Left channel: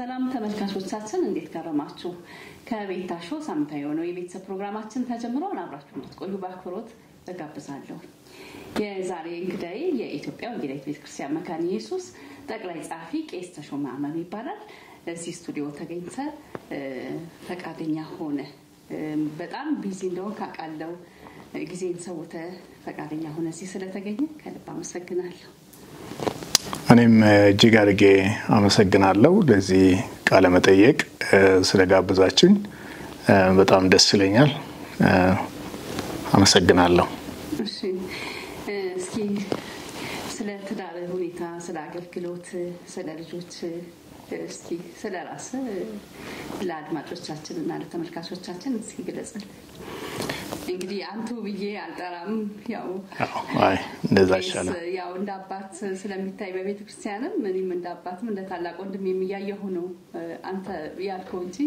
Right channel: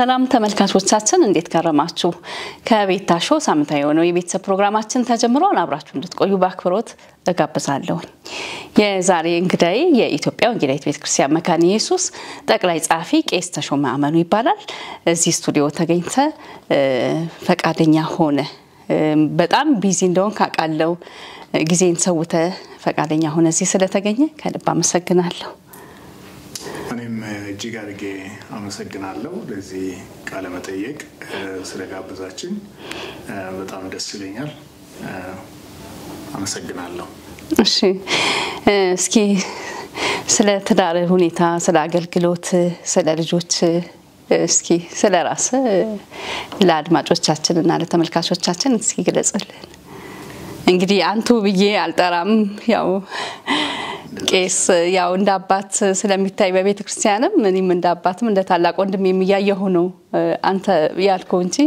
ሰላም ተመልካቾቻችን እንዴት ከረማችሁ ከቤታሾ ሳምንታዊ የሆነው የቤተሰብ ፕሮግራማችን ተጀምሯል አብራችሁ እንድትቆዩ በአክብሮት እጋብዛለሁ የዛሬ እንግዳይ የኢትዮጵያ ወንጌላዊት ቤተክርስቲያን መካነ ኢየሱስ ጠቅላይ ጻፊ ቄስ ተሾመ አመኑ ይባላል እዚህ ስቱዲዮ ተገኝተ ፈቃደኛ ሆነ በጣም ቢዚ እንደሆን ካቃለው ጊዜን ሰውተ ፈቃደኛ ሆነ እዚህ ስለተገኘ ከልብ አመሰግናለሁ እኔም እጅግ አድርጌ አመሰግናለሁ ለዚህ ቃለ መጠይቅ ስለጋበዛችሁኝ በጣም ደስ ይለኛል አመሰግናለሁ እሺ እስኪ ስለ ትዳር ሁኔታ ስለ አገልግሎት ስለ ልጆች እስኪ ስለ ራስ ለአድማጮቻችንና ለተመልካቾቻችን እስኪ ግለጽልን እንግዲህ አንቱ ብዬ አልጠራም ያው ቄስ ያው እንደ አባት ስለሚታይ በቤተክርስቲያንም እኔም እንደ አባትም እንደ ታላቅ ወንድም የሚያየው ነው አንተ ያልከው እንጂ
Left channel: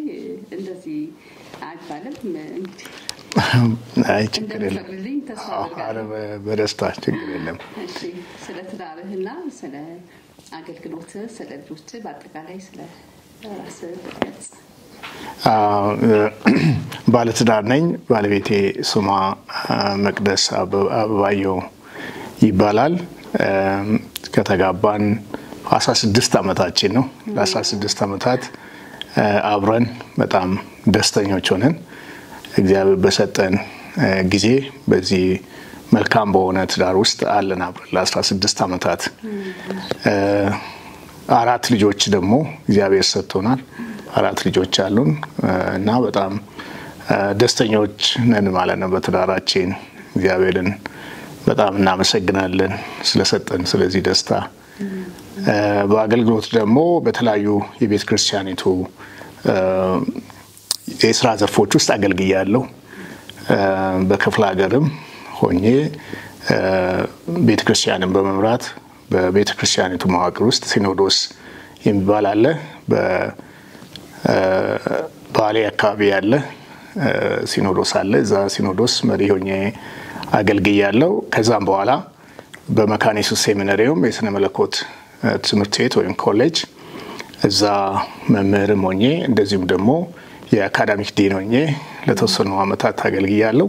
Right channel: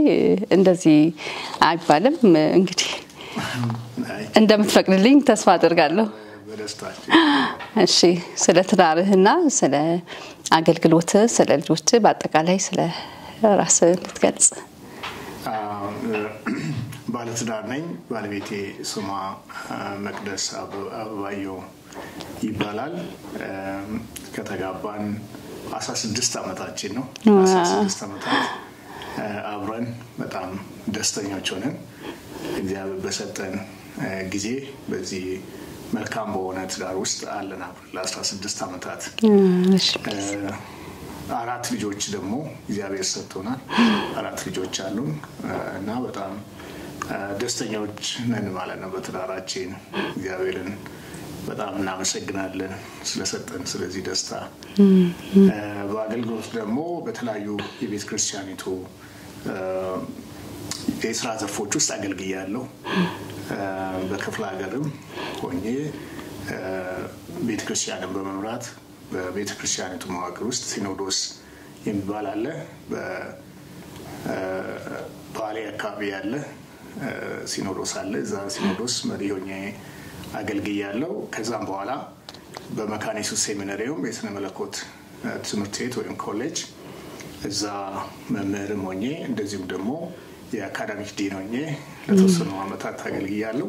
እንደዚህ አይባልም እንግዲህ እንደምትፈቅድልኝ ተስፋ አደርጋለሁ በደስታችሁ እሺ ስለ ትዳርህና ስለ አገልግሎት ስለ ልጆች በአጠቃላይ ስለ ራስ ልትገልጽ ባለትዳር ነኝ ባለቤቴ ስሟ መቅደስ አበባየሁ ይባላል ከተጋባን 16 አመታችን ነው ለ16 አመታት አብረን በጣም ደስተኞች ሆነን እግዚአብሔር በሰጠን ጊዜ በዚህ መልካም በሆነ ትዳር ውስጥ አለን አብረን ለ16 አመታት አራት ልጆች ደግሞ እግዚአብሔር ሰጥቶናል አራት ልጆች አሉን እና በጣም ደስተኞች ነን ማለት ነው በትዳራችን እግዚአብሔርን በጣም እናመሰግናለን ስለሰጠን ስለዚህ ደስታ በአገልግሎት ደግሞ በተለያዩ የቤተ ክርስቲያኒቱ የሥራ ዘርፎች ውስጥ አገልግያለሁ በክፍለ ሀገርም ሆኜ ቤተ ክርስቲያንን በመምራት በቤተ ክርስቲያኒቱ መዋቅር ውስጥ ሲኖዶስ የሚባል አለ በባሌ አካባቢ ያለ ሲኖዶስ አለ እዛ ሲኖዶስ መሪ ሆኜ አገልግያለሁ ከዛም በኋላ በመካነ ኢየሱስ ሴሚናሪውም የሥነ መለኮት ትምህርት ቤት ወይም ኮሌጅ እዛ መምህርም ሆኜ እንደዚሁም ደግሞ የአካዳሚክ ዲን ሆኜ ለተወሰኑ አመታት አገልግያለሁ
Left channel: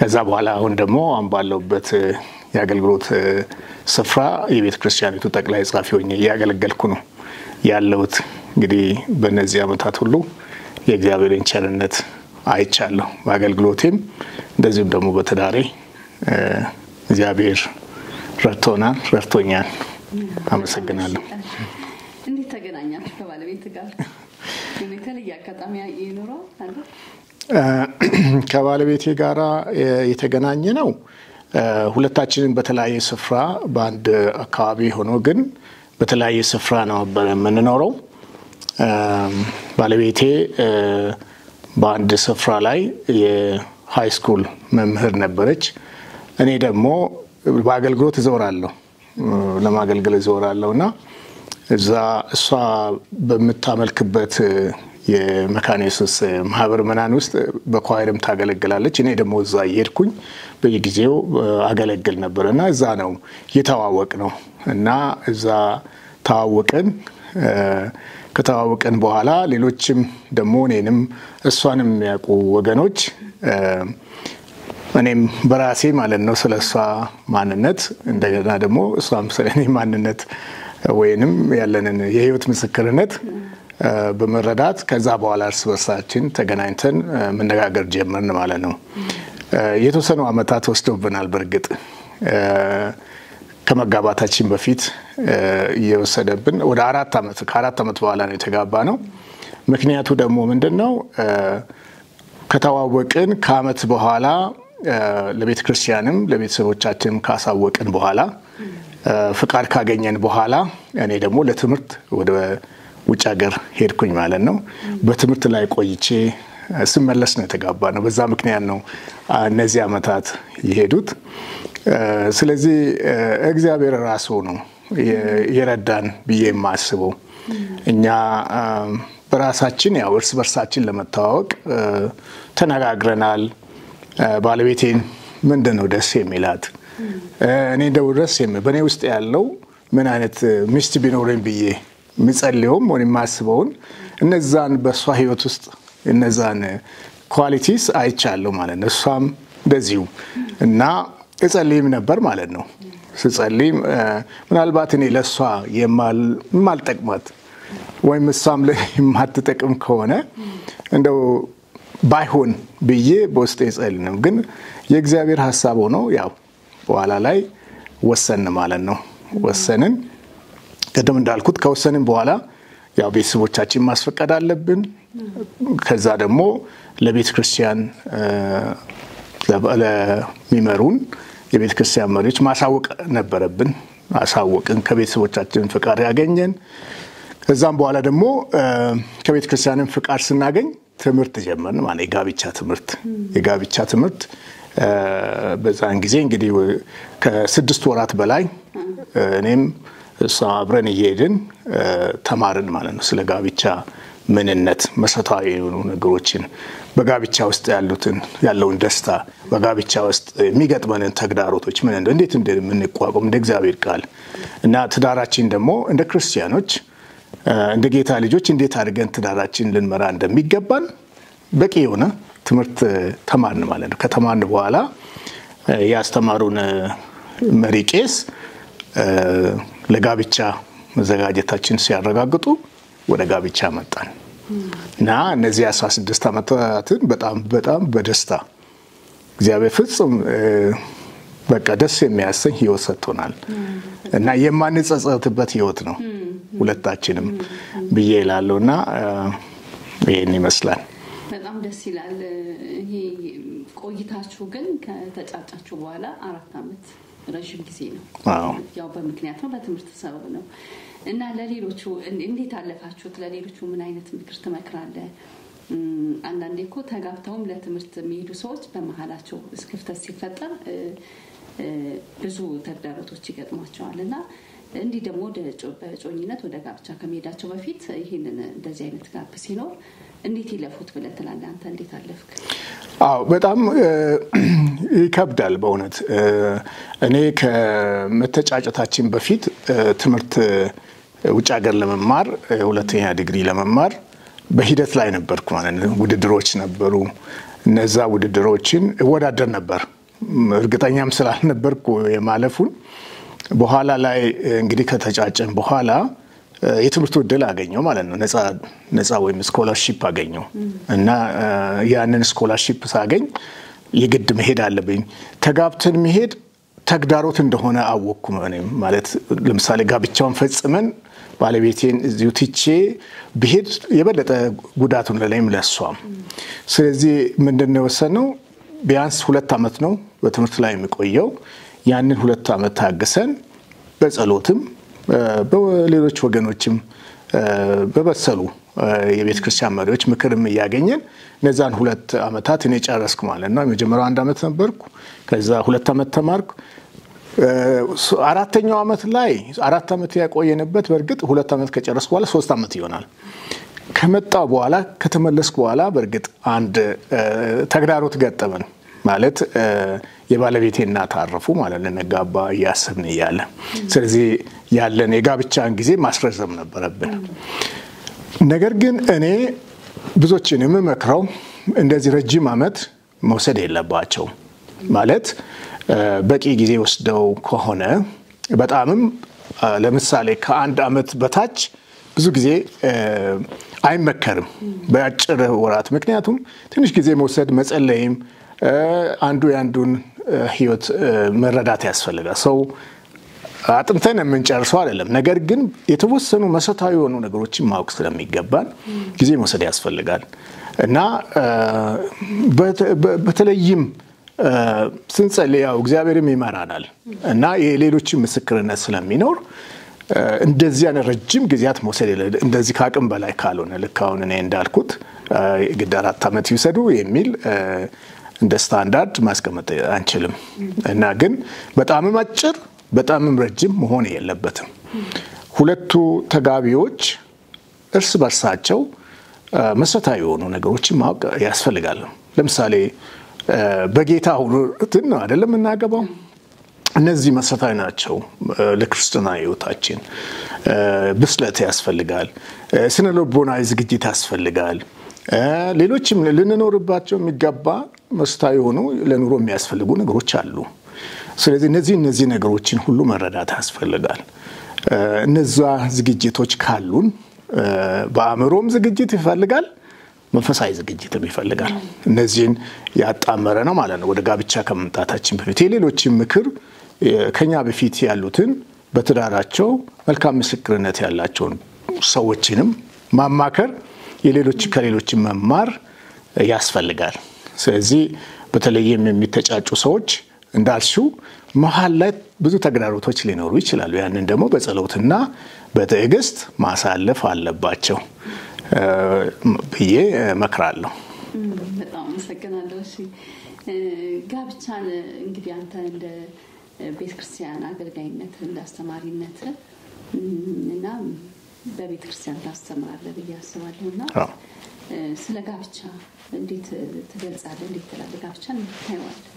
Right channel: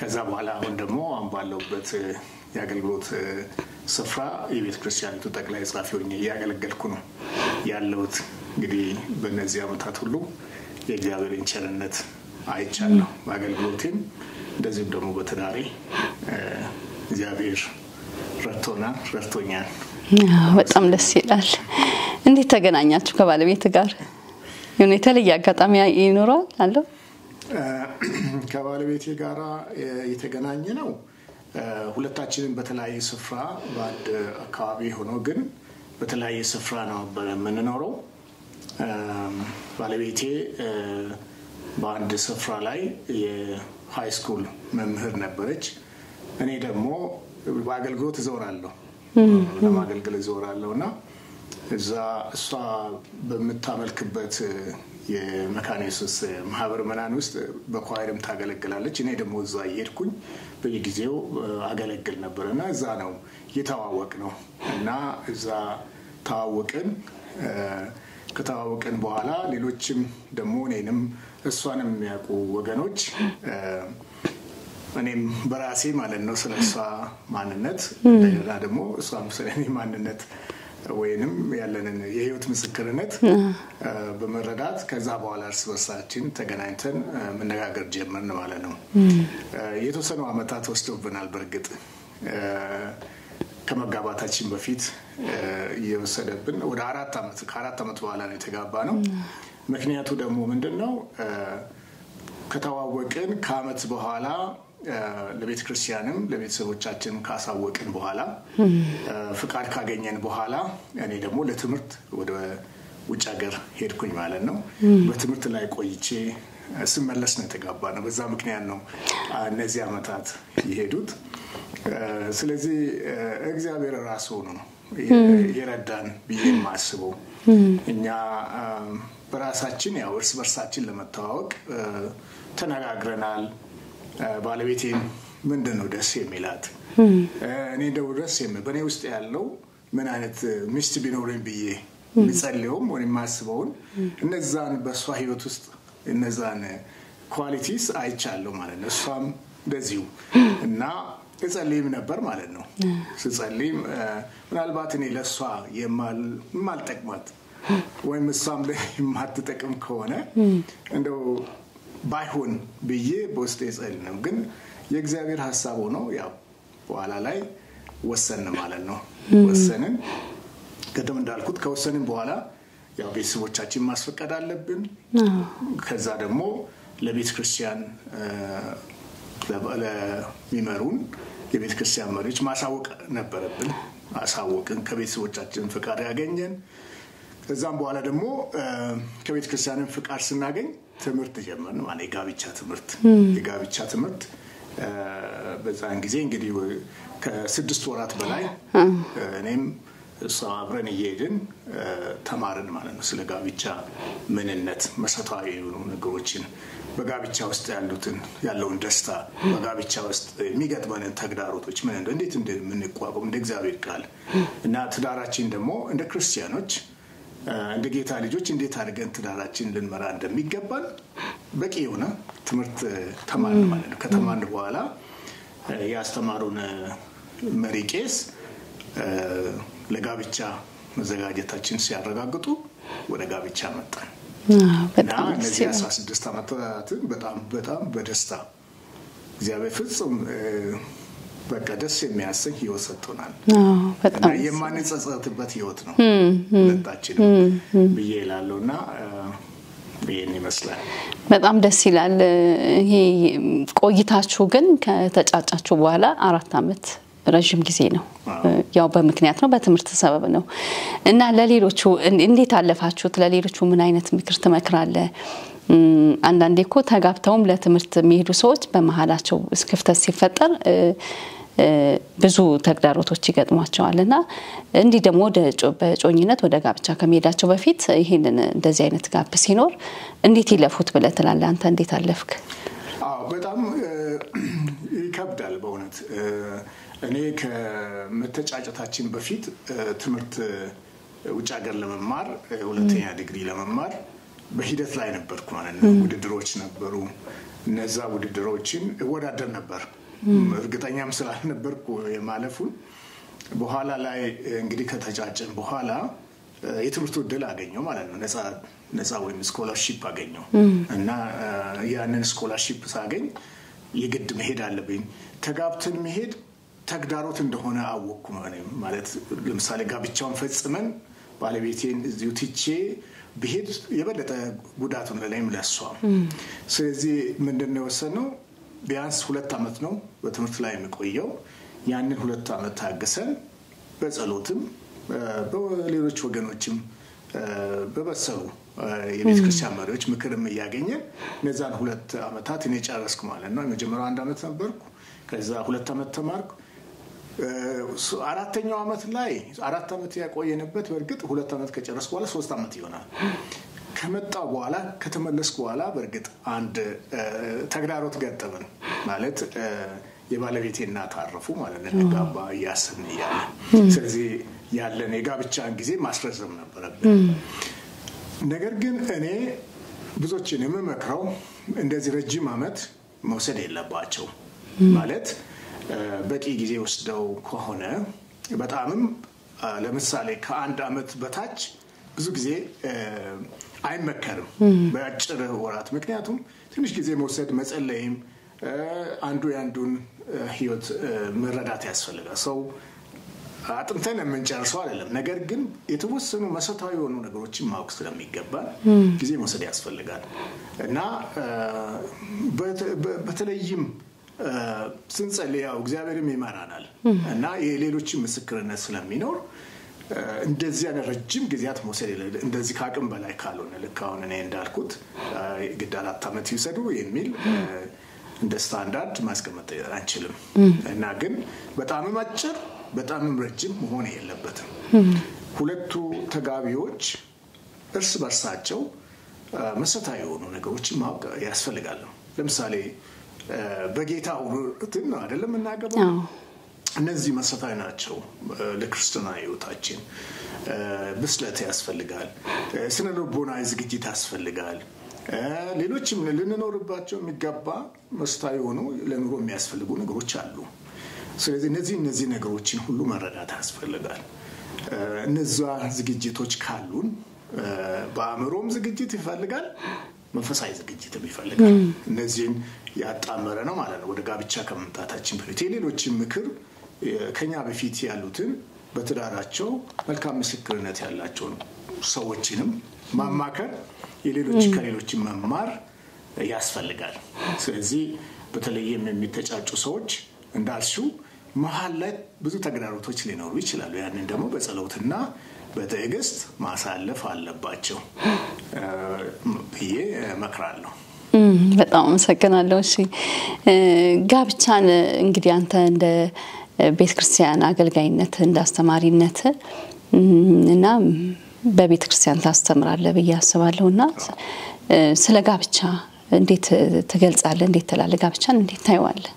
ከዛ በኋላ አሁን ደግሞ አንባለውበት የአገልግሎት ስፍራ የቤተ ክርስቲያኒቱ ጠቅላይ ጻፊ ሆኜ ያገለገልኩ ነው ያለውት እንግዲህ በእነዚህ አመታት ሁሉ የእግዚአብሔርን ቸርነት አይቻለሁ በአገልግሎቴም እንደዚሁም ደግሞ በትዳሬ እግዚአብሔር ረድቶኛል በጣም ደስ ይላል እንዴት ተገናኛችሁ ከባለቤት ጋር የሆነ የተለየ አጋጣሚ ይኖራል አለው ከባለቤቴ ጋር የተገናኘ ነው ሁለታችንን በተለያየ ስፍራ በአንድ አካባቢ ሆኖ ግን በተለያየ ስፍራ ነው በመንኖረው ባለቤቴ በአንድ ስፍራ ላይ የሃይ ስኩል መምህር ነበረች እኔ ደግሞ በአገልግሎት እዞራለሁ ለማገልገል እዞራለሁና እዛ እሷ በመታመልክበት የመካነ ኢየሱስ ማህበር መናን ውስጥ በኳይርም ታገለግላለች እኔ ደግሞ እዛ እየሄድኩኝ በየጊዜው አገለግል ነበርና እዛ ነው የተዋወቅነው እና እዛ ከተዋወቅን በኋላ ሌሎችም ደግሞ እኔንም እሷንም የሚያውቁ ወገኖች እኔም በራሴ ማለት ነው ስለሷ ማንነት እንደገና ደግሞ እሷም ስለኔ ማንነት ወይንም ያለንን የህይወት ምስክርነት በመረዳት ከዛ በኋላ እርስ በርሳችን ተገናኝተን መነጋገር ጀመርን ማለት ነው የተወሰኑ አመታት ወስዶብናል በርግጥ ከመጋባታችን በፊት እየወሰደብን ወደ 4 አመት በኋላ ነው የተጋባነው ምክንያቱ ደግሞ ምንድነው ከተዋወቅን ከአመት በኋላ ለቤተ ክርስቲያንም ለቤተሰቦቻችንም ካሳወቅን በኋላ ፍቃድ ካገኘን በኋላ እኔ ደግሞ ለትምህርት ወደ ውጭ ሀገር ሄድኩኝ ማለት ነው በትምህርት ላይ ቆይቼ ስመለስ ነው የተጋባነው በዛ ምክንያት ነው እነዚህ አመታት የሄዱት ስለዚህ እግዚአብሔር ራሱ ነው የረዳን ብዬ ማስበው እኛ በራሳችን ያው እርስ በርሳችን ለመተዋወቅ ተነጋግረናል ባለቤቴን ምንድነው ደስ የሚላት እኔ ደው ደስ በኔ ውስጥ ያለው ምን አይነት ሚስት ቢኖርኝ ብዬ ምጸልየውም ወይ ማስበውን እነዛን በሷ ህይወት ውስጥ እነዛን ኳሊቲስ አይቻለሁ ማለት ነው። እሷም እንደዚሁ እና እጸልይም ነበር ማለት ነው። ስጸልይም ምናልባት እኔ ለሷ የማልጠቅማት ወይም እሷም ላይ የማትጠቅም ከሆነ እንደው ባይሆን ብዬ በውስጤ እጸልይ ነው። ግን የእግዚአብሔር ሐሳብ ሆኖ ያው በኋላ ላይ ወሰንን ማለት ነው። ወሰንን ቀደም እንዳልኩት ከወሰንን በኋላ ያው ቤተሰቦቻችን ማስፈቀድ አለብን። ከዛ ደግሞ ለቤተ ክርስቲያን ለሚመሩን የቤተ ክርስቲያን መሪዎች ማሳወቅ ነበረብን። አሳወቅን፣ ከቤተሰቦቻችን ፍቃድ ያገኘን። ከዛም በኋላ ደግሞ ከቤተ ክርስቲያንን ፍቃድ ስናገኝ ትምህርት ጀመርን ማለት የጋብቻ ትምህርት በዛን ጊዜ እንግዲህ ከ6 ወራት በላይ እኔም እሷ አብረን እየሄድን ተማርን ማለት ነው። ስለ ጋብቻ ምንነት መሰረታዊ የሆኑ ነገሮችን በጋብቻ ውስጥ ያለውን ደስታ በጋብቻ ውስጥ የሚገጥመንን ተግዳሮቶች እንዴት እንደምንቋቋም እንደ እግዚአብሔር ቃል እና ትዳራችን ደግሞ እንደ ክርስቲያኖች እንደ ጌታ ልጆች እንዴት አድርገን ትዳራችን ልንመራ እንደሚገባን በቂ የሆነ ትምህርት ተማርን ማለት ነው። ከተማርን በኋላ ያስተማሩን መሪ ቄስ ለጋብቻ መዘጋጀታችን ሲያረጋግጡ ወደ ጋብቻ መጣን እና እነዚህ 16 ዓመታትን በጣም በደስታ እግዚአብሔር ፍጹም በቃ ደስ የሚያሰኝ ህይወት ሰጥቶናል እና የማንጸጸትበት ህይወት ነው ሁለታችንም ብዬ እላለሁና ይሄን ይመስላል። በጣም ደስ ይላል። ይሄ ቆይታችሁ ግን ከተጫጫችሁ በኋላ 4 ዓመት ረጅም ጊዜ ነው። ያው በምክንያት ነው፣ በትምህርት ሰበብ ነው እና ለሌሎቹ እንዴት አለፋችሁት? ለሌሎቹ ምን አይነት ምክር ትመክራለህ? አንዳንዴ እኮ ተጋብተውም ለትምህርት የሚሄዱ ሰዎች በመሃላቸው ክፍተት ሲፈጠር ብዙ ተግዳሮቶች ይገጥሟቸዋልና እንዲህ ደግሞ በጮኝነት ወደ ጋብቻ ከመሄዳቸው በፊት ይሄንን እንደዚህ አይነት ጋፕ ሲኖር እንዴት ይለፉት ብለህ ትላለህ? አንተ እንዴት አለፍክ? በጣም ይከብዳል በእውነት። እኔ ከመተጫጨታችን በፊት ትምህርት ውጭ ሀገር ለመማር ሁለተኛ ዲግሪ ለመማር በሂደት ላይ ነበርኩ ማለት ነው። ውድድሮች ነበሩ። እነዛ ውድድሮችን እወዳደር ነበር። እርግጠኛም ስላልነበርኩ የማለፉን በኋላ ላይ እንግዲህ ከተጫጨን በኋላ የትምህርት ዕድል አገኘው ማለት ነው። ነፃ ወይም ስኮላርሺፕ አገኘው እና ያንን ስኮላርሺፕ ሳገኝ የግድ መሄድ አለብኝ። ተጋብተን መሄድ ተግዳሮት እንደሆነ አወቅኩ ማለት ለምሳሌ ጋብቻውን ፈጽመን ባለቤቴን እዚሁ ትቼ ብሄድ የበለጠ ጉዳቱን ለኔም ለሷም። ስለዚህ ምንድነው ወሰነው ቢያንስ 2 ዓመት ነው በትምህርት ላይ የሚቆየው። ያንን 2 ዓመት ታገሰን በጸሎትም በሌሎች ወገኖችም በበሰሉ የቤተ ክርስቲያን መሪዎች ምክርም እያገኘን እነዛን 2 ዓመታት እኔ ጨረስኩ ማለት ነው። የመጀመሪያው 1 ዓመት ነበርኩ፣ ከዛ 2 ዓመት ተማርኩ። 4ኛው ዓመት ላይ 4 ዓመት ያቆየንበት በርግጥ 2 ዓመት ከጨረስኩ በኋላ 3 ዓመት ይሆናል። ከመጣው በኋላ ከተመለስኩ በኋላ በርግጥ አንድ ተግዳሮት ገጠመን ማለት የባለቤቴ እናት አረፉ ማለት ለነጋባ ያሰብን ይያለ። ስለዚህ ያለን የጋብቻን ጊዜ ማስረዘም ነበረብን። ነገር ግን እኔ ብዙዎችን የምመክረው እንደዚህ ረጅም ዓመት መውሰድ የለባቸው ማለት በቂ ጊዜ ወስደው ከሆነ በጣምም ለምሳሌ ከ1 ዓመት በታች ብዙ ጊዜ አይመከርም በአጭር ወራት። ምክንያቱም ትንሽ ጊዜ መውሰድ መጸለይም አንዱ ያንዱን ህይወት መረዳት ያስፈልጋል። ሰው አጥንተን የምንጨርሰው አይደለም። ነገር ግን የተወሰኑ መሰረታዊ የሆኑ ነገሮችን ማወቅ ስለሚገባን ጊዜ መውሰድ ያስፈልጋል እና በተለይም ስንጸልያው እግዚአብሔርም ይመራናል እና የሌሎችን ምስክርነት ስለሚኖር እንደዚህ አይነት ረጅም ጊዜያት መውሰድ እንደዚህ ከአቅም በላይ ካልሆነ ልክ አሁን እኔ እንዳልኩት ግድ 4 ዓመት ይወሰዱ የሚል እንደ ስታንዳርድ ማስቀመጥ አንችልም እና ግን በጣምም አጭር በጣምም ረጅም መሆን የለበትም። ሁለቱ ተጋቢዎች እርስ በርሳቸው መሰረታዊ የሆኑ ነገሮችን ማወቅ ያስፈልጋል። ለምሳሌ በጌታ ሁሉትን ነው አይደለም እናገባው እነዚህ መሰረታዊ ናቸው ለክርስቲያና ህይወታችን። ብስለት ያስፈልጋል፣ ስነ ልቦናዊ ዝግጅት ያስፈልጋል። ሌሎችም ልንኖርባቸው የሚገባ መሰረታዊ ሆኖ ለኑሮ የሚያስፈልጉ ነገሮች አሉ። ስለዚህ እነዚህ ነገሮችን ሁሉ መረዳት ያስፈልጋል። እነዛ ዝግጅቶች ካሉን በአእምሮም ዝግጅት ይፈልጋል፣ መንፈሳዊ ዝግጅትም ይፈልጋል። እነዚህን ያጣመረ ነው ማለት ነው። ወደ ጋብቻ ከመምጣታችን በፊት የሌሎችን ምክር ከኛ በፊት ያሉትን በትዳራቸው መልካም ምስክርነት ያላቸውን ሰዎችንም ማማከር፣ ከሌሎች መማር ያስፈልጋል። ስለዚህ በተለይም የሚተጫጩ ሰዎች እንዳልሽው መሃል ላይ ብዙ ተግዳሮቶች ሊኖሩ ይችላሉ። ያንን ደግሞ በጸሎትና በትዕግስት ማሳለፍ አለባቸው ብዬ እመክራለሁ። በጣም አመሰግናለሁ። እሺ ጋብቻን እንግዲህ አንተ እንደ ቤተክርስቲያን አገልጋይነት እንደ አስተማሪነት እና በቤተክርስቲያን ታስተምራለህ ብዬ አስባለሁና ስለ ጋብቻ እንዴት ትገልጻለህ? እንዴት ትላለህ? ጋብቻን እንዴት ታየዋለህ?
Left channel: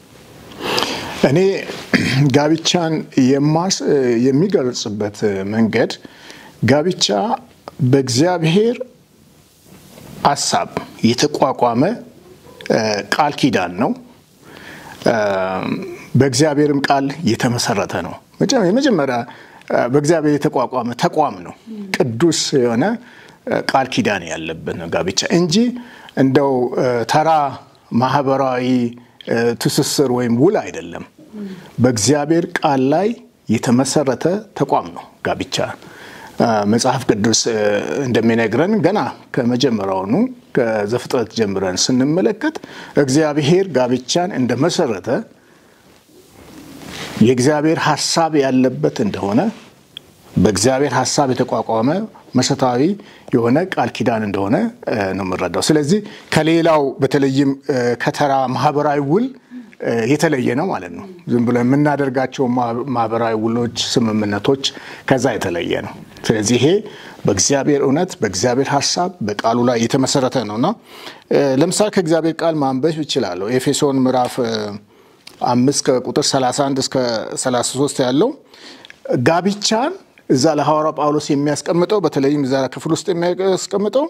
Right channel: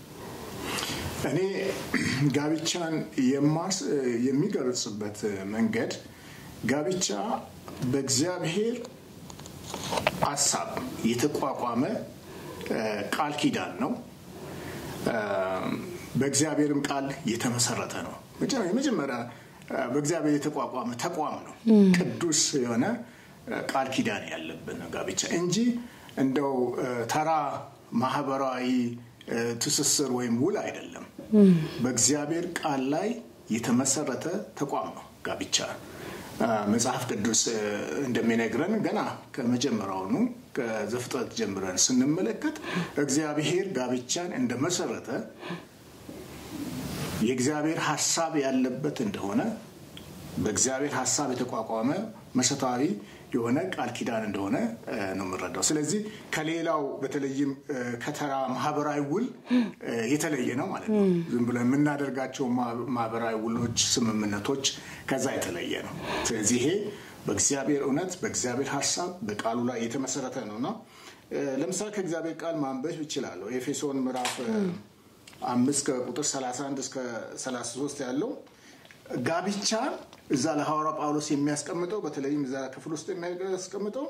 እኔ ጋብቻን የሚገልጽበት መንገድ ጋብቻ በእግዚአብሔር ሐሳብ የተቋቋመ ቃል ኪዳን ነው። በእግዚአብሔርም ቃል የተመሰረተ ነው። የመጀመሪያ በእግዚአብሔር የተቋቋመ ተቋም ነው። ቅዱስ የሆነ ቃል ኪዳን ያለበት ነው ጋብቻ እንጂ እንደው ተራ ማህበራዊ ትስስር ወይም ውል አይደለም። በእግዚአብሔር ቃል ላይ የተመሰረተ ተቋም ነው ጋብቻ። መጽሐፍ ቅዱስ እንደሚነግረን ገና ከመጀመሪያውኑ ከዘፍጥረት ጀምረን ስንመለከት እግዚአብሔር ጋብቻን እንደመሰረተ የእግዚአብሔር ሐሳብ ያለበት እንደሆነ በእግዚአብሔር ሐሳብ የተቋቋመ መሰረታዊ የሆነ ቃል ኪዳን እንደሆነ ነው የምንረዳው። ስለዚህ ከሌላው በተለይም ከተራ ማህበራዊ ውል የተለየ ነው ማለት ነው። ዝም ብለን የምናደርጋቸው ማህበራዊ ውሎች፣ ስምምነቶች ከዛ የተለየ ነው። ስለዚህ ይሄ በእግዚአብሔር እውነት በእግዚአብሔር ሐሳብ በቃሉ ላይ የተመሰረተ ነውና ለምሳሌ ከእግዚአብሔር ቃል ማንበብ ይችላል። ኤፌሶን ምዕራፍ 5 ከቁጥር 31 እስከ 33 ያለው ጋብቻን እዛ ለሐዋርያው ጳውሎስ የሚያስቀምጠው በተለይም እዛ ክፍል ውስጥ የሚያስቀምጠው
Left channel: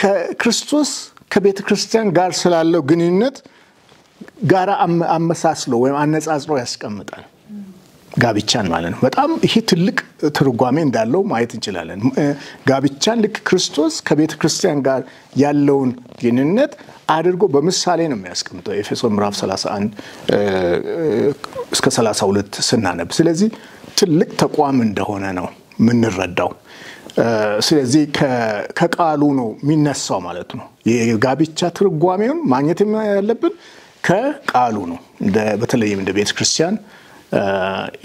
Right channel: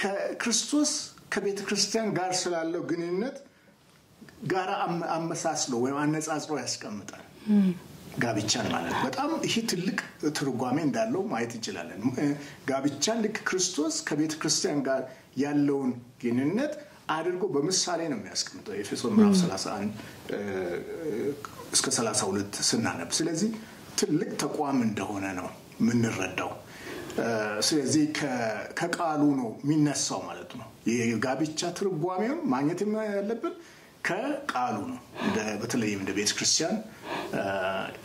ከክርስቶስ ከቤተ ክርስቲያን ጋር ስላለው ግንኙነት ጋር አመሳስሎ ወይም አነጻጽሮ ያስቀምጣል ጋብቻን ማለት ነው። በጣም ይሄ ትልቅ ትርጓሜ እንዳለው ማየት እንችላለን። ጋብቻን ልክ ክርስቶስ ከቤተ ክርስቲያን ጋር ያለውን ግንኙነት አድርጎ በምሳሌ ነው የሚያስቀምጠው ኤፌሶን ምዕራፍ 31 እስከ 32 ስናነብ። ስለዚህ ትልቅ ተቋም እንደሆነ ነው የምንረዳው። ስለዚህ ከቃሉ ነው የሚነሳው ማለት ነው። የጋብቻ ትርጓሜውን ማግኘት ያለብን ከቃሉ ነው። በተለይም እንደ ቤተ ክርስቲያን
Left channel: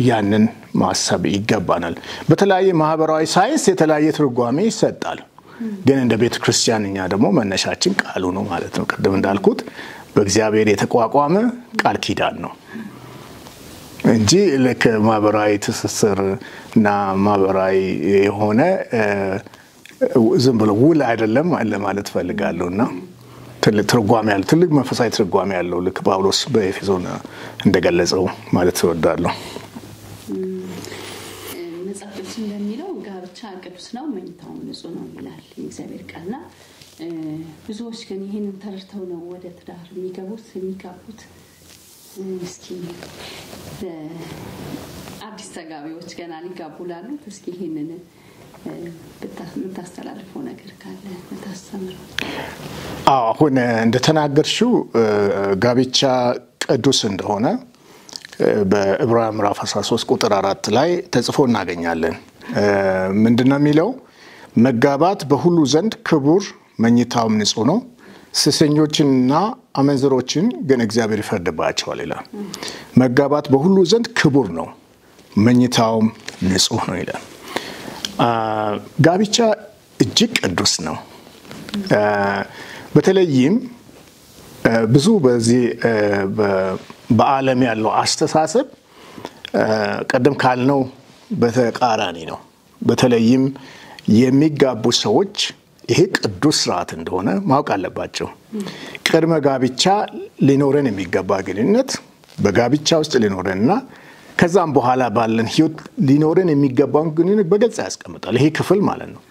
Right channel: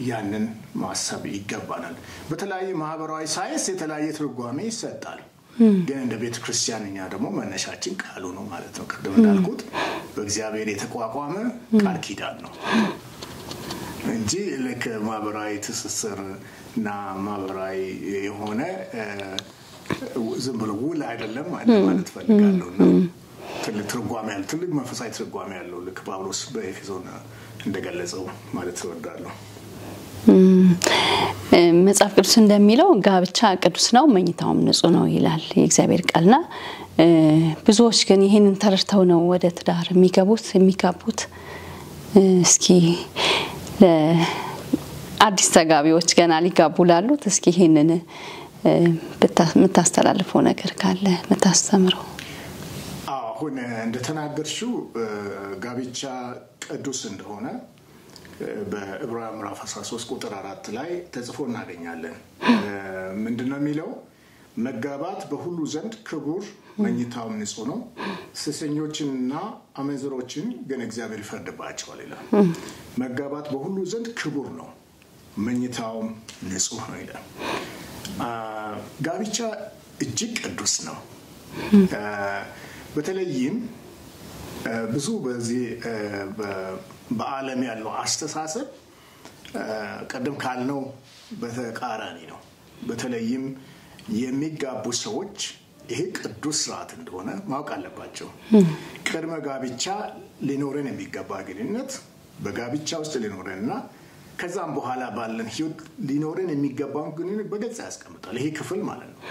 ያንን ማሰብ ይገባናል። በተለያየ ማህበራዊ ሳይንስ የተለያየ ትርጓሜ ይሰጣል። ግን እንደ ቤተ ክርስቲያን እኛ ደግሞ መነሻችን ቃሉ ነው ማለት ነው። ቅድም እንዳልኩት በእግዚአብሔር የተቋቋመ ቃል ኪዳን ነው እንጂ ለከ ማህበራዊ ትስስር እና ማህበራዊ የሆነ ዝም ብሎ ውል አይደለም ለማለት ፈልጋለሁና ትልቅ ትርጓሜ ያለው ትልቅ መንፈሳዊ ትርጓሜ ያለው ልክ ጳውሎስ በኤፌሶን እንደገለጸው ማለት እወዳለሁ። መጽሐፍ ቅዱስ እንደሚለው ጋብቻ ቅዱስ ነው መኝታውም ንጹህ ነው ይላል የእግዚአብሔር ቃልና ብዙዎች ግን ይሄንን ተረድተው ነው ወደ ትዳር የሚጋቡት። እስኪ አዲስ ተጋቢዎች ገና ሊጋቡ ላሉት እስኪ ይሄንን የምታስተላልፈው ነገር ካለ የምታስተምረው? አሁን እንደተናገርሽው ጋብቻ ቅዱስ እንደሆነ በዕብራውያን ምዕራፍ 13 ቁጥር 4 ላይ ተጽፎ እናገኛለን። ምንድነው የሚለው? መጋባት በሁሉ ዘንድ ክቡር መኝታውም ንጹህ ነው፣ ሴሰኞችንና አመንዝሮችን ግን እግዚአብሔር ይፈርድባቸዋል ይላል። መጋባት በሁሉ ዘንድ ክቡር ነው፣ መኝታውም ንጹህ ነው ይላል። ጋብቻ እጅግ ቅዱስ ነው። በተለይም ብዙ በዚህ በዓለም ያለው አስተሳሰብ ቀደም ካልነው በተቃራኒ ነው። በተለይም የሚጋቡ ሰዎች ይሄ ቅዱስ ስርዓት እንደሆነ ማወቅ አለባቸው። ቅድመ ጋብቻ ሊኖረን የሚገባ ግንኙነት በጋብቻ ውስጥ ሊኖረንና ከዛም በኋላ ባለን ህይወት ሊኖርን የሚገባውን ግንኙነት በግልጽ ያስቀምጣል። ይሄ ክፍል ማለት ነው።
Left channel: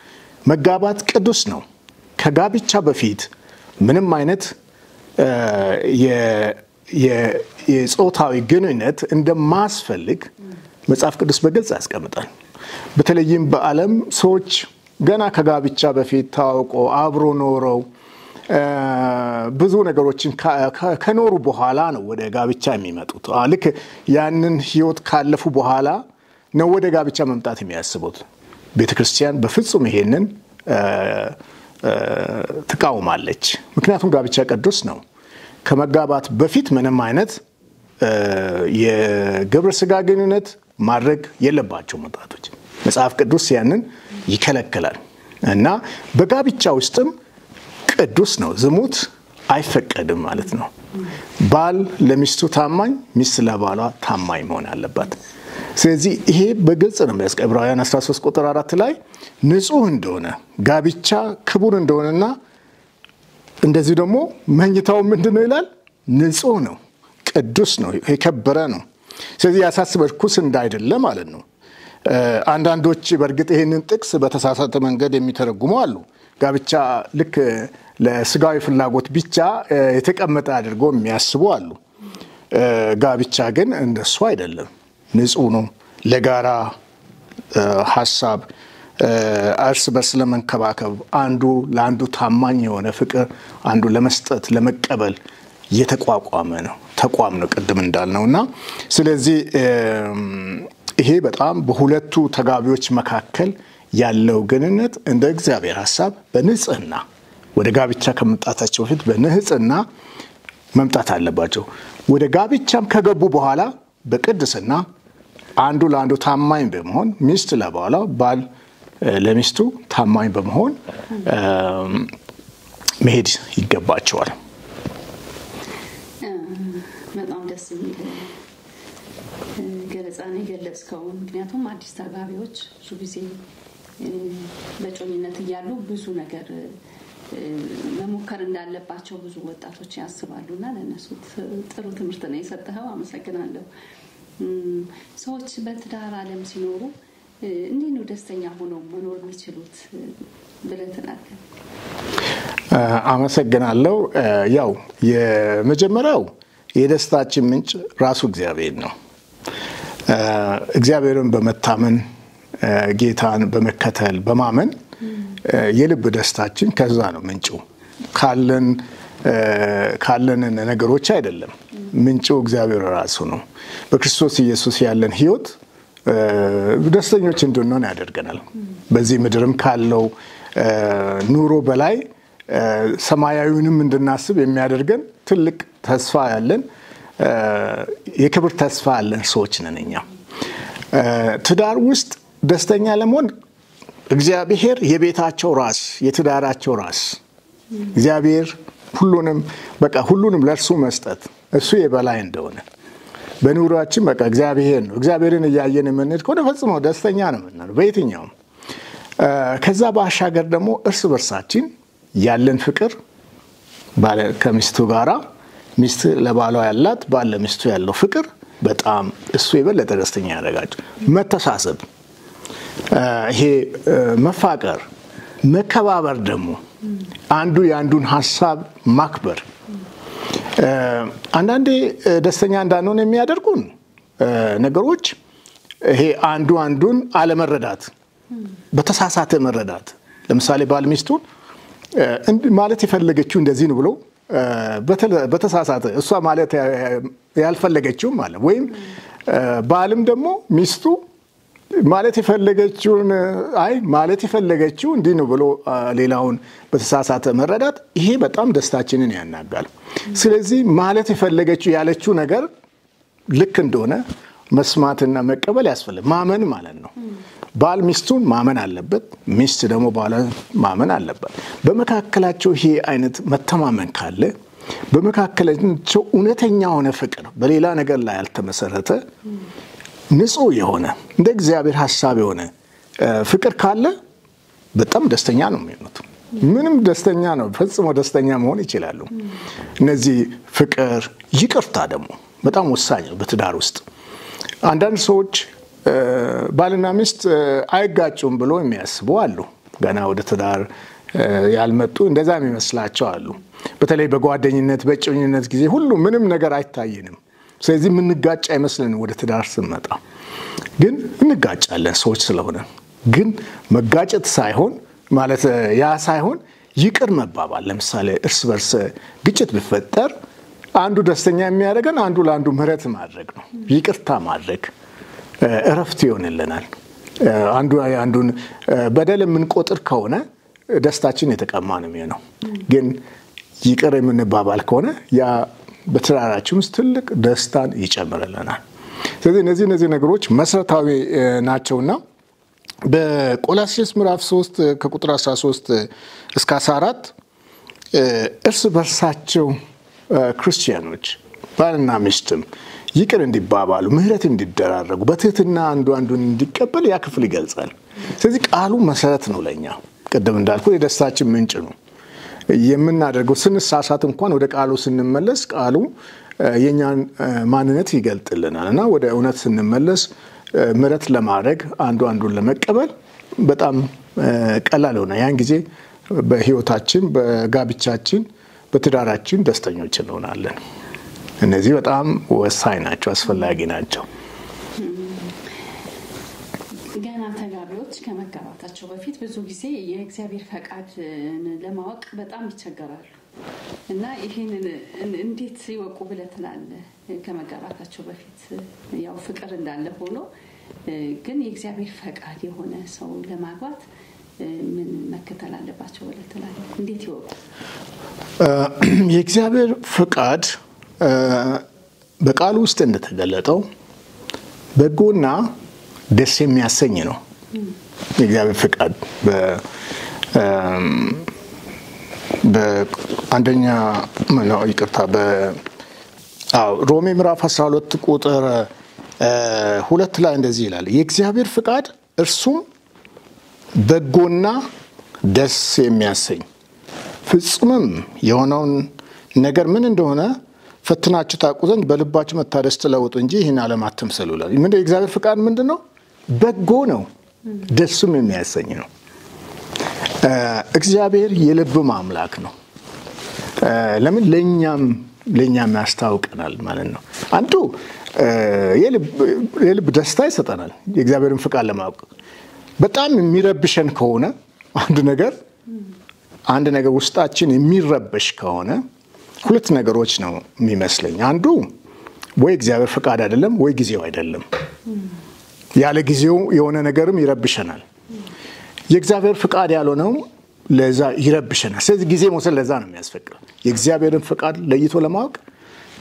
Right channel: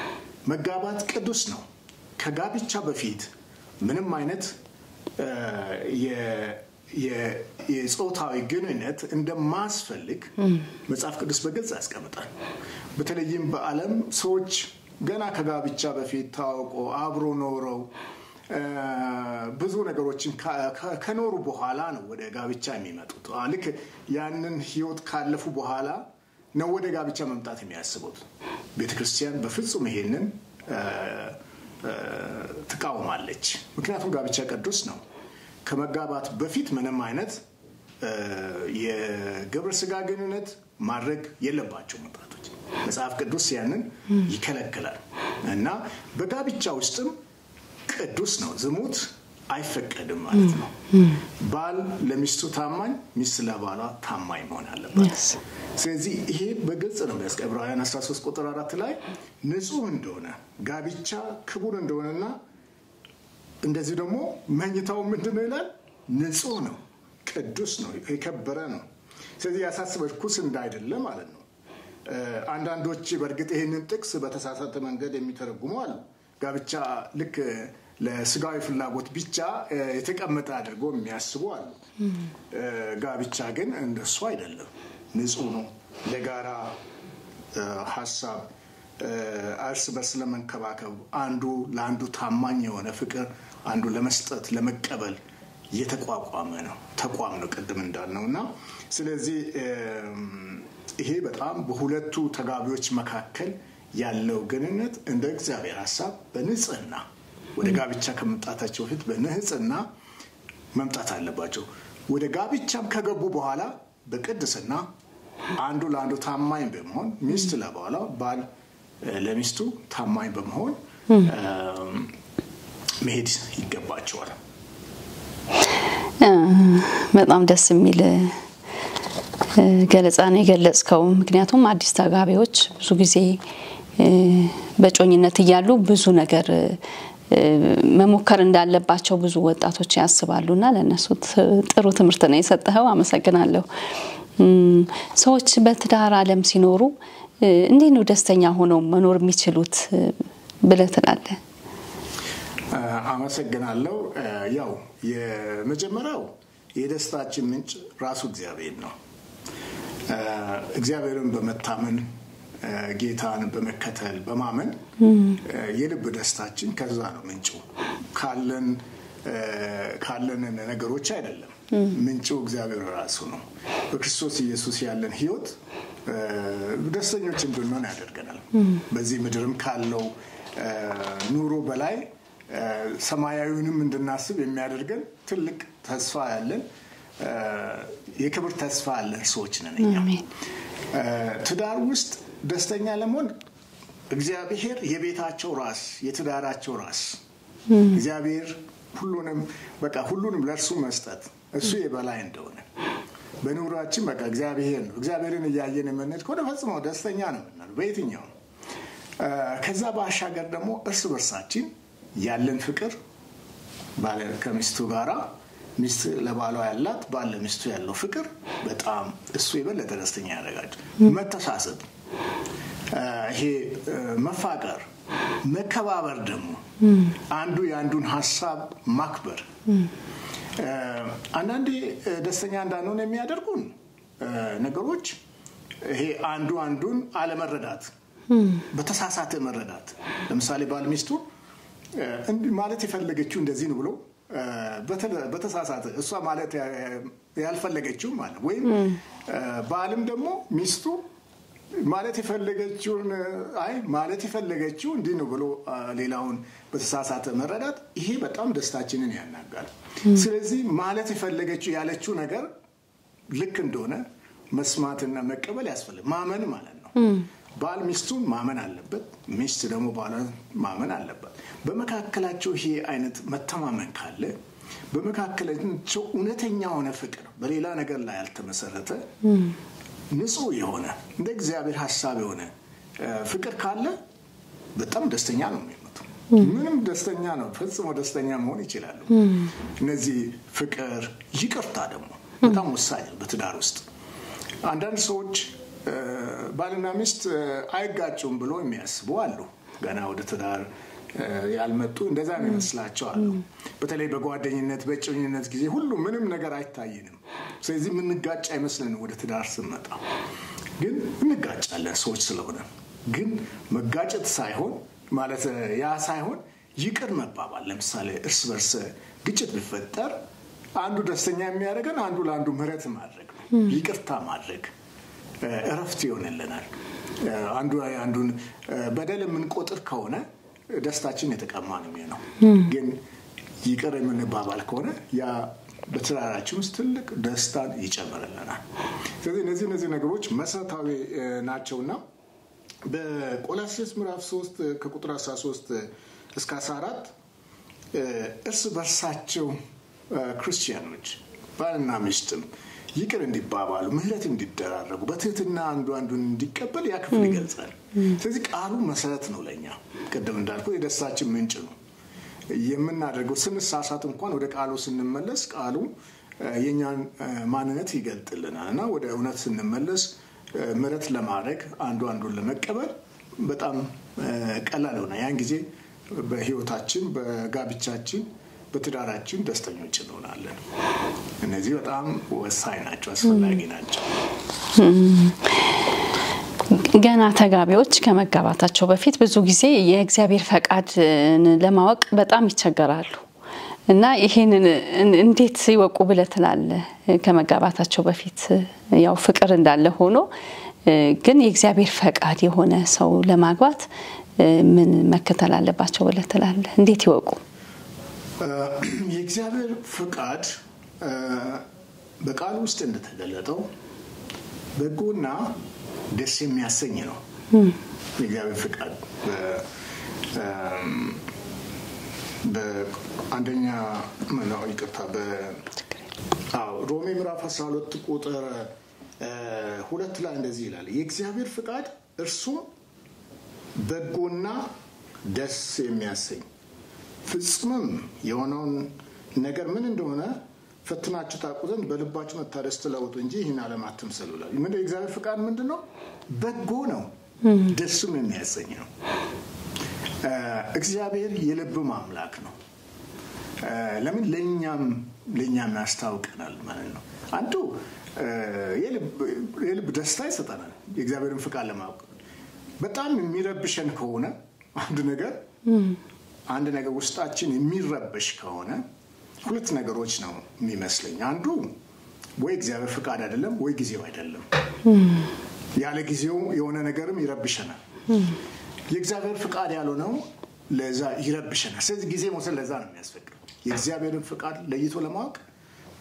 መጋባት ቅዱስ ነው። ከጋብቻ በፊት ምንም አይነት የጾታዊ ግንኙነት እንደማያስፈልግ መጽሐፍ ቅዱስ በግልጽ ያስቀምጣል። በተለይም በዓለም ሰዎች ገና ከጋብቻ በፊት ታውቆ አብሮ ኖረው ብዙ ነገሮችን ከኖሩ በኋላ ነው ወደ ጋብቻ የሚመጡት። ልክ ያንን ህይወት ካለፉ በኋላ ነው ወደ ጋብቻ መምጣት የሚያስቡት። ቤተክርስቲያን በፍጹም ይሄንን ትቃወማለች። ምክንያቱም ጋብቻ ቅዱስ ነው። ከመጋባት በፊት ምንም አይነት የግብረ ስጋ ግንኙነት ማድረግ የለባቸው ወጣቶች። መጽሐፍ ቅዱስ ያንን ይከለክላል እና በጋብቻ ውስጥም ቅዱስ ነው። ዝሙት አይፈቀድም ማለት ነው። ባል ለሚስቱ ታማኝ፣ ሚስት ለባሏ ታማኝ መሆን አለባት። ስለዚህ ይሄ በግልጽ ነው። ዕብራውያን 13 ቁጥር 4 ላይ ንጹህ እንደሆነ ጋብቻ ክቡር እንደሆነና እንደዚህ ደግሞ መኝታው ምንድነው ይላል? ንጹህ ነው፣ ቅዱስ ነው፣ የከበረ ነው። ስለዚህ ያሳስበው ርኩስ እንዳይደለ ማለት ነው። አንዳንዶች በእርግጥ ይሄንን ጥቅስ በተሳሳተ መንገድ የሚተረጉሙ አሉ። ጋብቻ ልክ ለስጋዊ ፍላጎት ብቻ የተቀመጠ አድርጎ የሚያስቡ አሉ። ጋብቻ ግን እንደሱ አይደለም። ንጹህ ነው። ለጋራ ሐሳብ እርስ በርስ ለመንከባከብ አንዱ ለአንዱ ታማኝ የሆነ ፍቅር አንዱ ለመስጠት ለመቀበል የተቋቋመ ነው። ተቋም ነው ቅድም እንዳልነውና ስለዚህ ይሄ በጣም በሁለቱ ተጋቢዎች መካከል ያለው ግንኙነት እንደ እግዚአብሔር ሐሳብ በንጽህና ወደ ጋብቻ ከመምጣታቸው በፊት በንጽህና መምጣት አለባቸው። ወደ ጋብቻም ከገቡ በኋላ በቅድስና አንዱ ለአንዱ ታማኝ በመሆን ሚስት ለባሏ ባል ለሚስቱ ታማኝ በመሆን መሄድ ይገባቸዋል። በጣም ደስ የሚል ገለጻ ነው የገለጽከው። ምክንያቱም አዲስ ተጋቢዎች ብዙ ጊዜ በጮኝነት እያሉ ብዙ ነገር መሞከር እንዳለባቸው ብዙ ወጣቶች ያስባሉና ለነሱ ጥሩ ትምህርት ነው የሰጠኸው። አመሰግናለሁ። ሰዎች በትዳር ዓለም ሲኖሩ እንዴት ነው ደስተኛ ሆነው መኖር የሚችሉት ብለህ ትላለህ? አመሰግናለሁ። ያው የመጀመሪያው የደስታችን ምንጭ ራሱ እግዚአብሔር ነው። እግዚአብሔርን በመታመን ጌታን በመከተል በማመን የልብ ደስታችን ከዛ ነው ምንጩ። ካለን ነገሮች አይደለም። ምንጩ እግዚአብሔር ራሱ ነው። በክርስቶስ ኢየሱስ ያለን ህይወት ደስተኞች እንድንሆን ያደርገናል። በዚህ ምድርም ካለው ኑሮ በላይ ሰማያዊውንም እንድናስብ የሚያደርገን ትልቅ ተስፋ ያለን የክብር ተስፋ ያለን ሰዎች ነን እኛ። ትዳር ውስጥ ደስተኛ ለመሆን እግዚአብሔር የቤታቸው ራስ የትዳራቸው ራስ እግዚአብሔር ሁሉንም ለእርሱ መስጠት እሱ የበላይ እንደሆነ በኑሯችን በቃ እግዚአብሔር ነው። እግዚአብሔርን እያየን የምንሄድ ከሆነ ፈጽሞ ደስተኛ ነው የምንሆነው በየትኛውም። ከዛ ባሻገር ደግሞ እርስ በርሳችን ያለን ፍቅር ባለ ከሚስቱ ጋራ ሚስት ለባሏ ያላት ባለ ሚስቱ ያለው ፍቅር በጣም እሱ የበለጠ ደስተኛ ያደርጋቸው። መተሳሰብ፣ ይሄ መፋቀር፣ መከባበር ደግሞ አንዱ የአንዱን ሐሳብ ማክበር አንዳንዴ ደስተኛ እንዳንሆን የሚያደርጉን ነገሮች ይሄ አንዱን አለመረዳት፣ በተሳሳተ መረዳት። ለምሳሌ ባል ሚስቱን ማለት የፈለገችው እንደዚህ ነው ብሎ በተሳሳተ እሷ ማለት ያልፈለገችው ማለት ወይም ባልም ደግሞ ሚስቱ ማለት የፈለገችውን ማለት የፈለገችው እንዲህ ነው ብሎ ሌላውን በተሳሳተ መረዳት ይሄ በጣም ደስታችንን ያናጋል። ስለዚህ ማለት የፈለገችው ያለችው ነገር ልክ እንደሆነ መስማትና መቀበል ያስፈልጋል። ማመን ማለት ነው። ባል ሚስቱን ማመን አለበት፣ ሚስት ደግሞ ባሏን ማመን አለበት። በመካከላቸው ይሄ አይነት መተማመን ካለ በመካከላቸው እውነተኛ ሆነ ፍቅር በሌላ ነገር ላይ ያልተመሰረተ ንጹህ የሆነ እንደ እግዚአብሔር ሐሳብ የሆነ ፍቅር ካለ በጣም ደስተኛ ነው የሚሆኑት። ምንም ደስተኛ ነው፣ ፈጽሞ ደስተኛ መሆን ይችላሉ። እነዚህ ፍቅር፣ ይቅርታ ደግሞ በጣም ወሳኝ ነው በትዳር ውስጥ። አንዳንድ ሰዎች ባልና ሚስት አይጋጩም ብሎ የሚያስቡ አሉ። ገና ወደ ትዳር ያልመጡ እንደዛ የሚመስላቸው አሉ። በተለይ በጓደኝነት በእጮኝነት ጊዜ ሁሉ ምንም ነገር አይታየንም። ስለዚህ የምንጋጭ አይመስልንም። ወደ ትዳር ስንመጣ ግን እንጋጫለን ሰዎች ስለሆነ። ግን መጋጨት ሳይሆን ማለት ያ ሳይሆን ይቅር መባባል። ለምሳሌ እርስ በርስ ግጭት ቢፈጠር አንዱ ደስተኛ የሚያደርገን አንዱ ለአንዱ ምህረት ማድረግ ነው። ይቅርታ ማድረግ እረፍት ይሆንልናል። አንዱን በደል የምንቆጥር ከሆነ ደስታችን የተቀማ ነው የሚሆነው። ግን ይቅር የምንባባል ከሆነ ያ በትዳራችን ውስጥ ትልቅ ደስታን ይጨምርልናል። ስለዚህ እነዚህ ነገሮች መሰረታዊ ናቸውና በቆላስይስ ምዕራፍ 3 ከቁጥር 13 እስከ 14 እርስ በርሳቸው ክርስቲያኖች ባልና ሚስትም ይቅር እንዲባባሉ ምህረት እንዲደራረጉ በትህትና አንዱን እንዲቀበል ያ ክፍል ይገልጻል። ስለዚህ ቃሉ መሰረት ነው ለኛ። ቀደም እንዳልኩ የደስታችን ምንጭ ነው። የምናደርገው ስንሳሳት እንኳን ወደ ቃሉ ስንመለስ ቃሉ የኛን ማንነት ይገልጥልናል እና ወደ እውነት ስንመለስ ምህረት ለማድረግ አንዱን ለመቀበል በጣም ቀላል ሆነ። ያን ጊዜ በህይወታችን በጋብቻችን በትዳራችን ደስተኞች እንሆናለን። እነዚህ በጣም ወሳኝ ናቸው፣ አስፈላጊ ናቸው። ገና ተጋቢዎች ከመጋባታቸው በፊት ብዙ ጊዜ የእግዚአብሔር ፈቃድ ለማወቅ በጣም ይቸገራሉ እና ይሄንን እንዴት ይወቁ ብለህ ትላለህ? ከመጋባታቸው በፊት ያው ፍቅር እንዳለ ሆኖ ግን የእግዚአብሔር ፈቃድ የሆነ ሰው ለማግባት ምን መከተል አለባቸው ብለህ ትላለህ? እንዴት ይወቁ? የእግዚአብሔር ፈቃድ በቃሉ ውስጥ እንደተገለጠው በጎና ደስ የሚያሰኝ ነው። የእግዚአብሔር ፈቃድ በአንደኛ ሮሜ ምዕራፍ 12 ቁጥር 2 ላይ እንደዚህ ይላል። የእግዚአብሔር ፈቃድ እርሱም በጎና ደስ የሚያሰኝ ፍጹምም የሆነውን ነገር ምን እንደሆነ ፈትናችሁ ታውቁ ዘንድ በልባችሁ መታደስ ተለውጡ እንጂ ይህን ዓለም አትምሰሉ ይላል። የእግዚአብሔር ፈቃድ ምንድነው? በጎ ነው፣ ደስም የሚያሰኝ ነው። እግዚአብሔር የልብ አምላክ ነው። ለምን ለኛም ያስታውቀናል ማለት ነው። አንዱ የልብ ደስታ ይሰጠናል። የእግዚአብሔርን ፈቃድ ለማወቅ በጣም የሚረብሸን ከሆነ አንድ ነገር ውስጣችን የሚረበሽ ከሆነ ሁለት ነገሮች ነው የሚመስለኝ። አንዱ ወይ እግዚአብሔር ፈቃድ አይደለም ወይ ጊዜው አይደለም። ያለ ጊዜው የሆነ ነገርም ይረብሸናል። የእግዚአብሔር ፈቃድ ያልሆነው ለዛ ይረብሸናል። ስለዚህ ጊዜ መውሰድ ለዛ ነው የሚያስፈልገው። የእግዚአብሔርን ፈቃድ ለይቶ ለማወቅ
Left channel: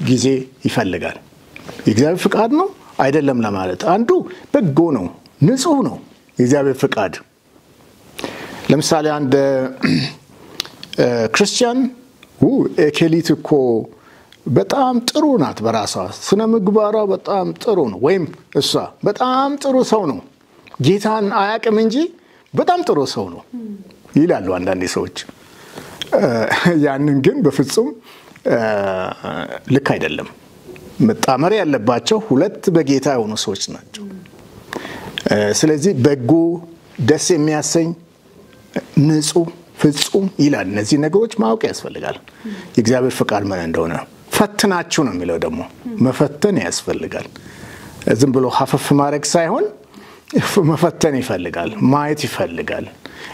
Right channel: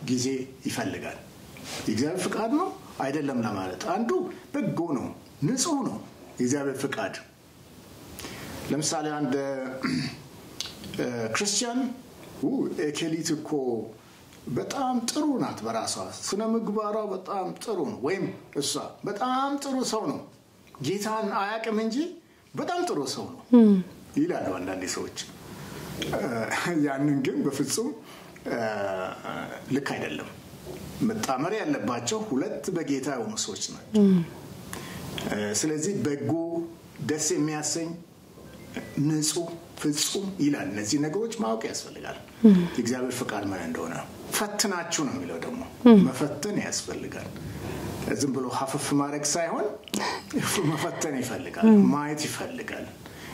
ጊዜ ይፈልጋል። የእግዚአብሔር ፈቃድ ነው አይደለም ለማለት አንዱ በጎ ነው፣ ንጹህ ነው የእግዚአብሔር ፈቃድ። ለምሳሌ አንድ ክርስቲያን ኤኬሊት እኮ በጣም ጥሩ ናት፣ በራሷ ስነ ምግባሯ በጣም ጥሩ ነው፣ ወይም እሷ በጣም ጥሩ ሰው ነው፣ ጌታን አያውቅም እንጂ በጣም ጥሩ ሰው ነው ይላሉ አንዳንድ ሰዎች። ያንን ግን በፍጹም ልክ አይደለም። መጣመር ያለባቸው ሁለት በጌታ የሆኑ ሰዎች ናቸው። ስለዚህ በጎ፣ ደስ የሚያሰኝ፣ ንጹህ፣ ፍጹም ይላል። እነዚህ ነገሮች ማወቅ ያስፈልጋል። የእግዚአብሔር ፈቃድ ምን እንደሆነ ፈትናችሁ ነው የሚለው። ደግሞ መፈተን ያስፈልጋል። ዝም ብሎ ሀፈፍ ማድረግ ሳይሆን መፈተን ይፈልጋል፣ ማየት ይፈልጋል፣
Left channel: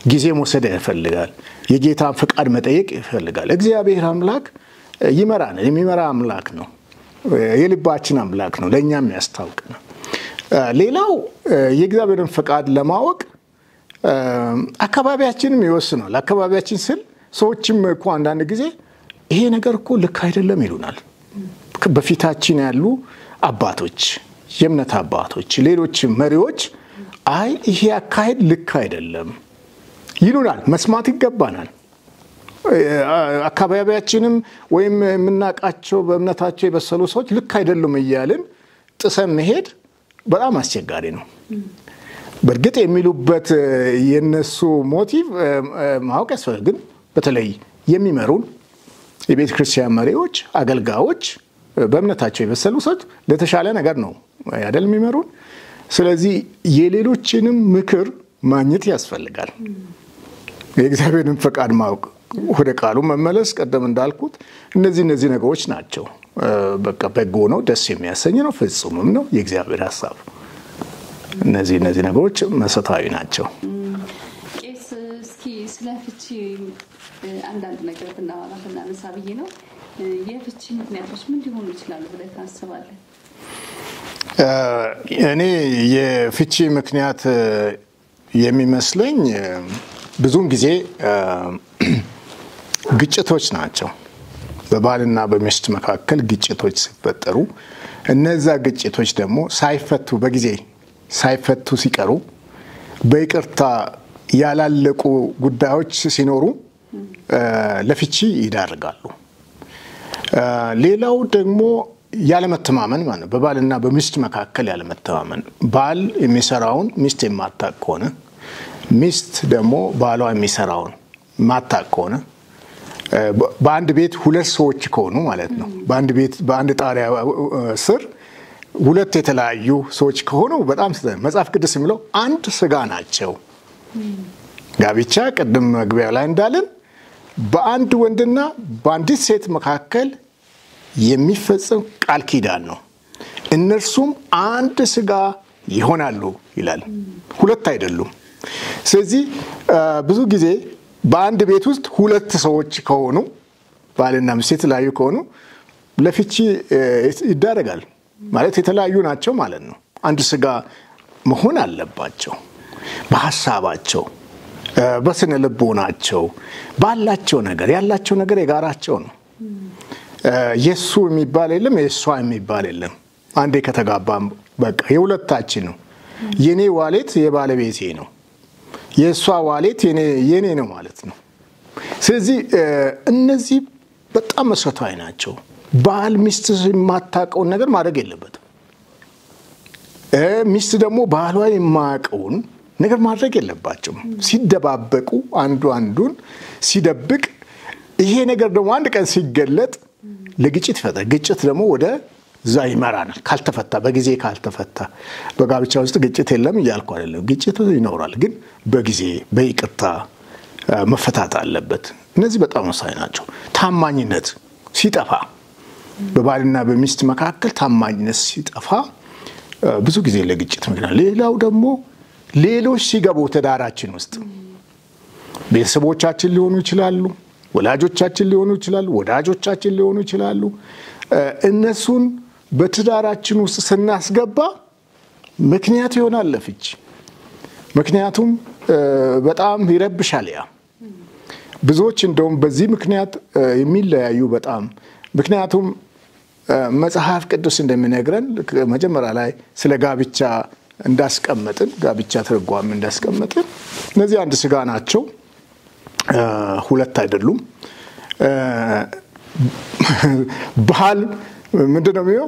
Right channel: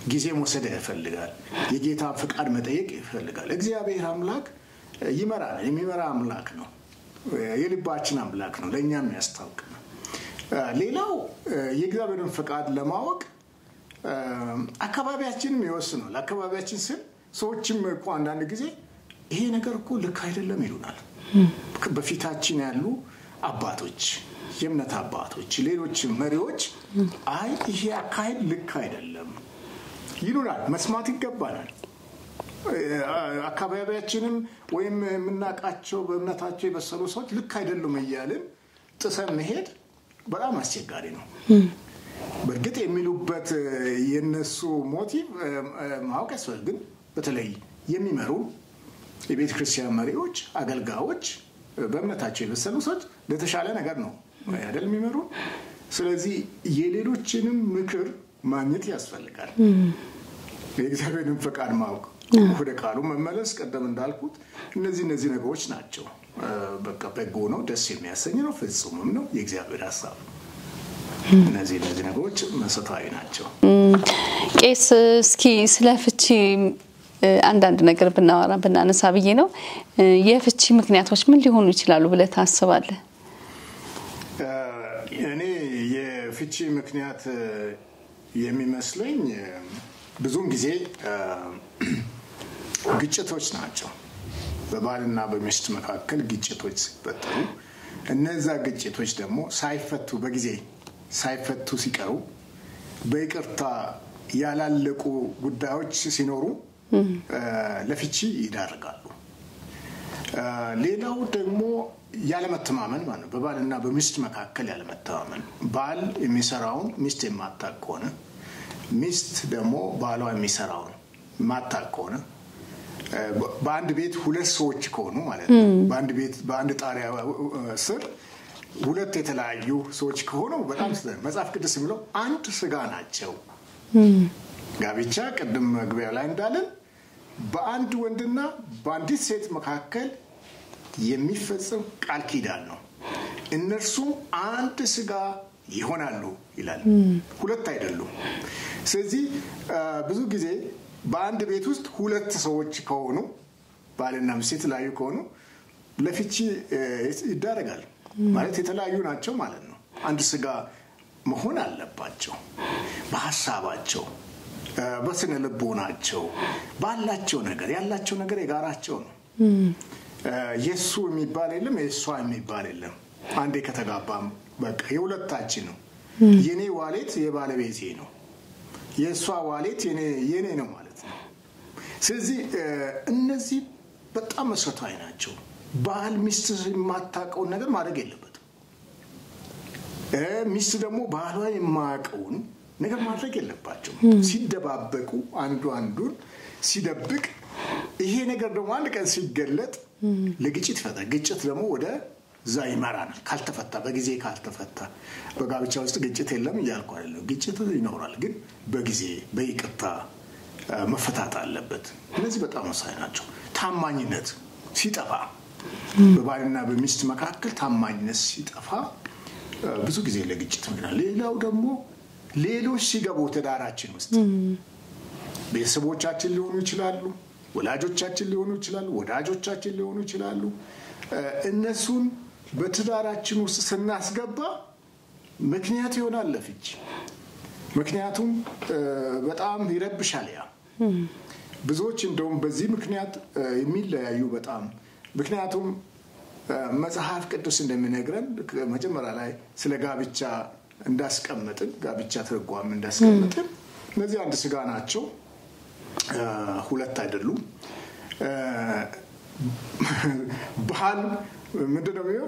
ጊዜ መውሰድ ይፈልጋል፣ የጌታን ፈቃድ መጠየቅ ይፈልጋል። እግዚአብሔር አምላክ ይመራል፣ የሚመራ አምላክ ነው፣ የልባችን አምላክ ነው፣ ለእኛም ያስታውቅ ነው። ሌላው የእግዚአብሔርን ፈቃድ ለማወቅ አካባቢያችንም ይወስናል። አካባቢያችን ስል ሰዎችም እኮ አንዳንድ ጊዜ ይሄ ነገር እኮ ልክ አይደለም ይሉናል። በፊታችን ያሉ አባቶች፣ የእምነት አባቶች፣ ሌሎች መሪዎች አይ ይሄ አካሄድ ልክ አይደለም ይሉናል። መስማት ይገባናል። አካባቢያችንም ወይም የምናውቃቸው በእምነታቸው የበሰሉ ሰዎች ልክ አይደሉም እያልን ጥሰን መሄድ በጣም አስቸጋሪ ነው። በእርግጥ የሚሉበት የነሱ ሞቲቭ ማወቅ ያስፈልጋል። ግን በተለይ የሚመሩን የቤተ ክርስቲያን መሪዎች፣ አገልጋዮች፣ በእምነታቸው የበሰሉ ሰዎች ለተሻለ ነገር ነው አይደል የሚመሩን ስለዚህ የሌሎችንም ምክር ማግኘት ያስፈልጋል የእግዚአብሔርን ፈቃድ ማወቅ ወደ ቃሉ መመለስ ቀደም እንዳልኩት እነዚህ ነገሮች ናቸው በቃ በጎ ነው ደስ የሚያሰኝ ነው ፍጹምም ነው የእግዚአብሔር ሐሳብ እነዚህ ነገሮች መሰረታዊ ናቸው ቄስ እስኪ ስለ ፍቺ አንዳንድ ነገር ብናነሳ ብዬ ነው የፍቺ ምክንያቶች ምን ሊሆኑ ይችላሉ ብለህ ታስባለህ እኔ የፍቺ ምክንያት የሚመስለኝ ብዙም ጊዜ ግጭቶች ናቸው በባልና በሚስት መካከል ግጭቶች ሲፈጠሩ እነዛ ግጭቶች ደግሞ ሳይፈቱ ሲቀሩ በይቅርታ ያላለቁ ጉዳዮች ሲኖሩ ለፍቺ ይዳርጋሉ ሌላው ደግሞ ያለመተማመን ማለት በባልና በሚስት መካከል ያለመተማመን ባል የሚሰራውን ሚስት የማታውቅ ከሆነ ሚስት ደግሞ ባሏ የሚሰራውን ማታውቅ ከሆነ በአንድ ቤት ሁለት ሰዎች ከሆኑ ማለት ነው በአንድ ጣሪያ ስር ሁለት የተለያዩ ሰዎች ከሆኑ በጣም መጽሐፍ ቅዱስ የሚለው አንድ ስጋ ናቸው ጋብቻ ቀደም መግቢያ ላይ እንዳለን በአንድ ወንድና በአንዲት ሴት መካከል የሚፈጸም ቃል ኪዳን ነው እነርሱም አንድ ስጋ ይሆናሉ ይላል ሁለት አይደሉም ስለዚህ ብዙ ጊዜ በአንድ ቤት ውስጥ ሁለት ሰዎች ከሆኑ ባልና ሚስት ላይ ከሆኑ ለፍቺ ይዳረጋል ማለት የተለያዩ ናቸው ማለት ነው አንድ ስጋ መሆን አለባቸው በሐሳባቸው በስነ ልቦናቸው ባላቸው ነገር ያላቸው ነገር የጋራቸው ነው የሱ የሚባል የለም የሷ የሚባል የለም አንዴ ከተጋባም በቃ የሁለታችን ነው የኔ ዋሌት የባለቤቴ ነው የሷ ዋሌት የኔ ነው ማለት ነው ስለዚህ እነዚህ በጣም መሰረታዊ ናቸው ባል ሚስት የማታውቀውን ነገር ማድረግ የለበትም ሚስት ደግሞ ባሏ የማያውቀውን ነገር ማድረግ የለባቸውም ሲደባበቁ አንዱን ሲደብቅ ይሄ ነገር ደግሞ አንድ ቀን ሲገለጥ ለግጭት ይፈጠራል ግጭት ደግሞ ወደ ዛ ይመራናል ካልተፈታ በጊዜ ካልተፈታ በጋብቻ ውስጥ ግጭት የለም እያልኩ አይደለም ግጭት ይኖራል ግን በጊዜ በይቅርታ መፈታት አለበት እነዚህ በጣም ወሳኝ ናቸው ታማኝነት ሲጠፋ በባልና በሚስት መካከል ታማኝነት ሲጠፋ ብዙ ጊዜ ለግጭት ምክንያት ሌላው ደግሞ ሌሎች ሲገቡ ተዳራችን ውስጥ ቤተሰቦቻችን ሊሆኑ ይችላሉ ወላጆቻችን ሊሆኑ ይችላሉ ወዳጆቻችን ሊሆኑ ይችላሉ እነሱን በትዳራችን ውስጥ ስናስገባ ምክንያት ይሆናል ለፍቺ ምክንያቱም በጣም ይረብሻል ያ ብዙዎች እንደውም በዚህ ምክንያት የሚለያዩ በጣም ምክንያቱም መጽሐፍ ቅዱስ እንደሚነግረን መጀመሪያ ላይ ስለ ጋብቻ እንዳስቀመጥን ጋብቻ ትርጓሜ እንዳስቀመጥን እነዚህ አንድ ስጋ ናቸው ሁለት አይደሉም ባል ምንድነው የሚለው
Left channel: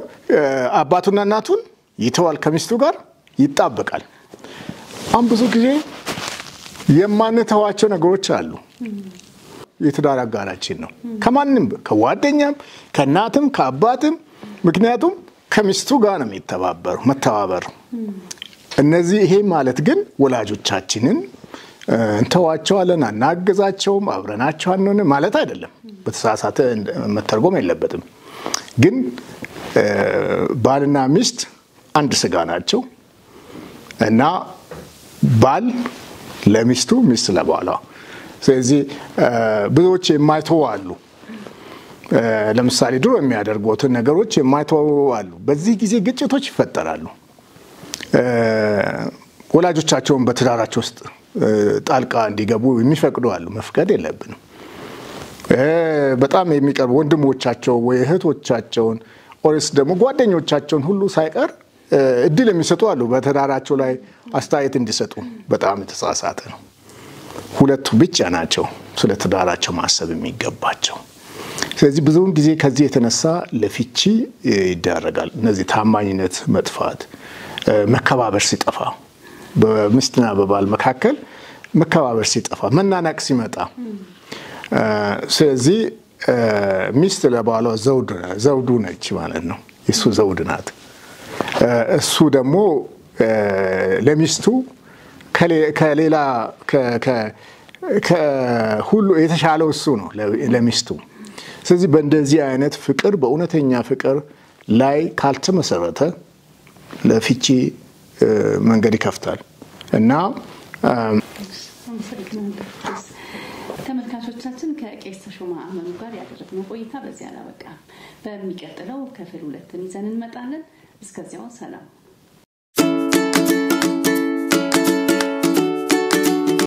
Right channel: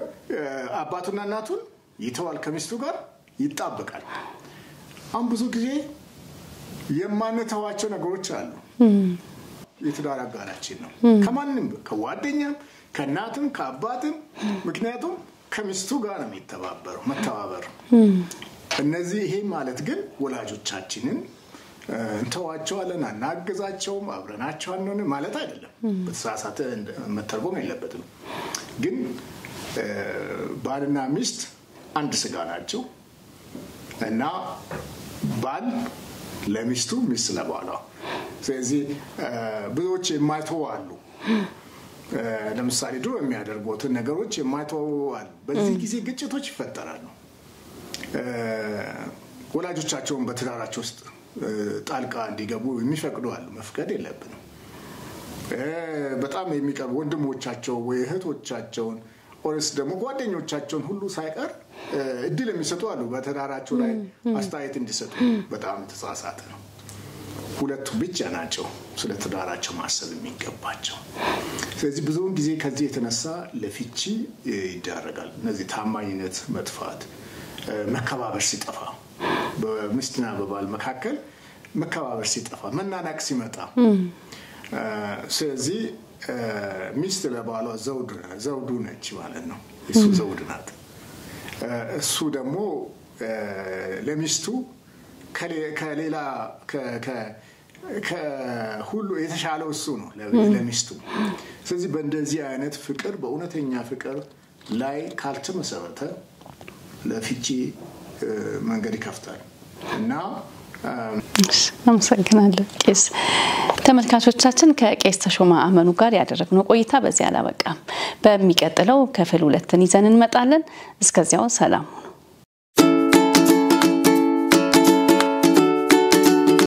አባቱና እናቱን ይተዋል ከሚስቱ ጋር ይጣበቃል አሁን ብዙ ጊዜ የማንተዋቸው ነገሮች አሉ የትዳር አጋራችን ነው ከማንም ከጓደኛም ከእናትም ከአባትም ምክንያቱም ከሚስቱ ጋር ነው መተባበር እነዚህ ይሄ ማለት ግን ወላጆቻችንን እንተዋቸዋለን አናገዛቸውም አብረናቸው አንሆን ማለት አይደለም በተሳሳተ መተርጎም የለበትም ግን ባልና ሚስት አንድ ስጋ ናቸው እና ባል ለሚስቱ ሚስት ለባሏ ስለዚህ ብዙዎች የማይተው አሉ ለምሳሌ ድሮ የሚያደርጉትን ነገሮች የማይተው አሉ በዚህ ጊዜ ግጭቶች ይፈጠራሉ ወላጆቻቸውን በትዳራቸው ውስጥ ጣልቃ እንዲገቡ የሚፈቅዱ አሉ መፍቀድ የለብንም በጣም የሚቀርቡ ወንድሞቻቸው ወይ እህቶቻቸውን ኦርስ ደግሞ ጓደኞቻቸውን ሁሉ ሳይቀር እድል የሚሰጡ አሉ በትዳራቸው ላይ አስተያየት እንዲሰጡ በጣም የተሳሳተ ነው ሁለቱ ብቻ ናቸው ስለ ትዳራቸው ማሰብ የሚገባቸው ስለዚህ ብዙውን ጊዜ ከዚህ የተነሳ ለፍቺ ይዳረጋል እነዚህ ታማኝነት መጥፋት መከባበር ሲጠፋ በሚስትና በባል መካከል መከባበር ሲጠፋ መናናቅ ሲመጣ ስለዚህ ሚስት ለባሏ ዘውዱ ነች ማለት ነው እሱ ዘውድ ናት እሱ ደግሞ ለሚስቱ ከሌላ ከሁሉ የተሻለው እሱ ነው ለሚስቱ። ስለዚህ በእንደዚህ አይነት ፍቅር በእውነተኛ ፍቅር ላይ ካልተመሰረተ ለፍቺ መንገድ ይከፍታል እና አመሰግናለሁ ቄስ። ተመልካቾቻችን ከቄስ ተሾመ አመኑ ጋር ያደረግነው ቆይታ በዚህ አላበቃም። በሚቀጥለው ክፍል 2 ይዘን እንመጣለን። እስከዚያው ሰላም።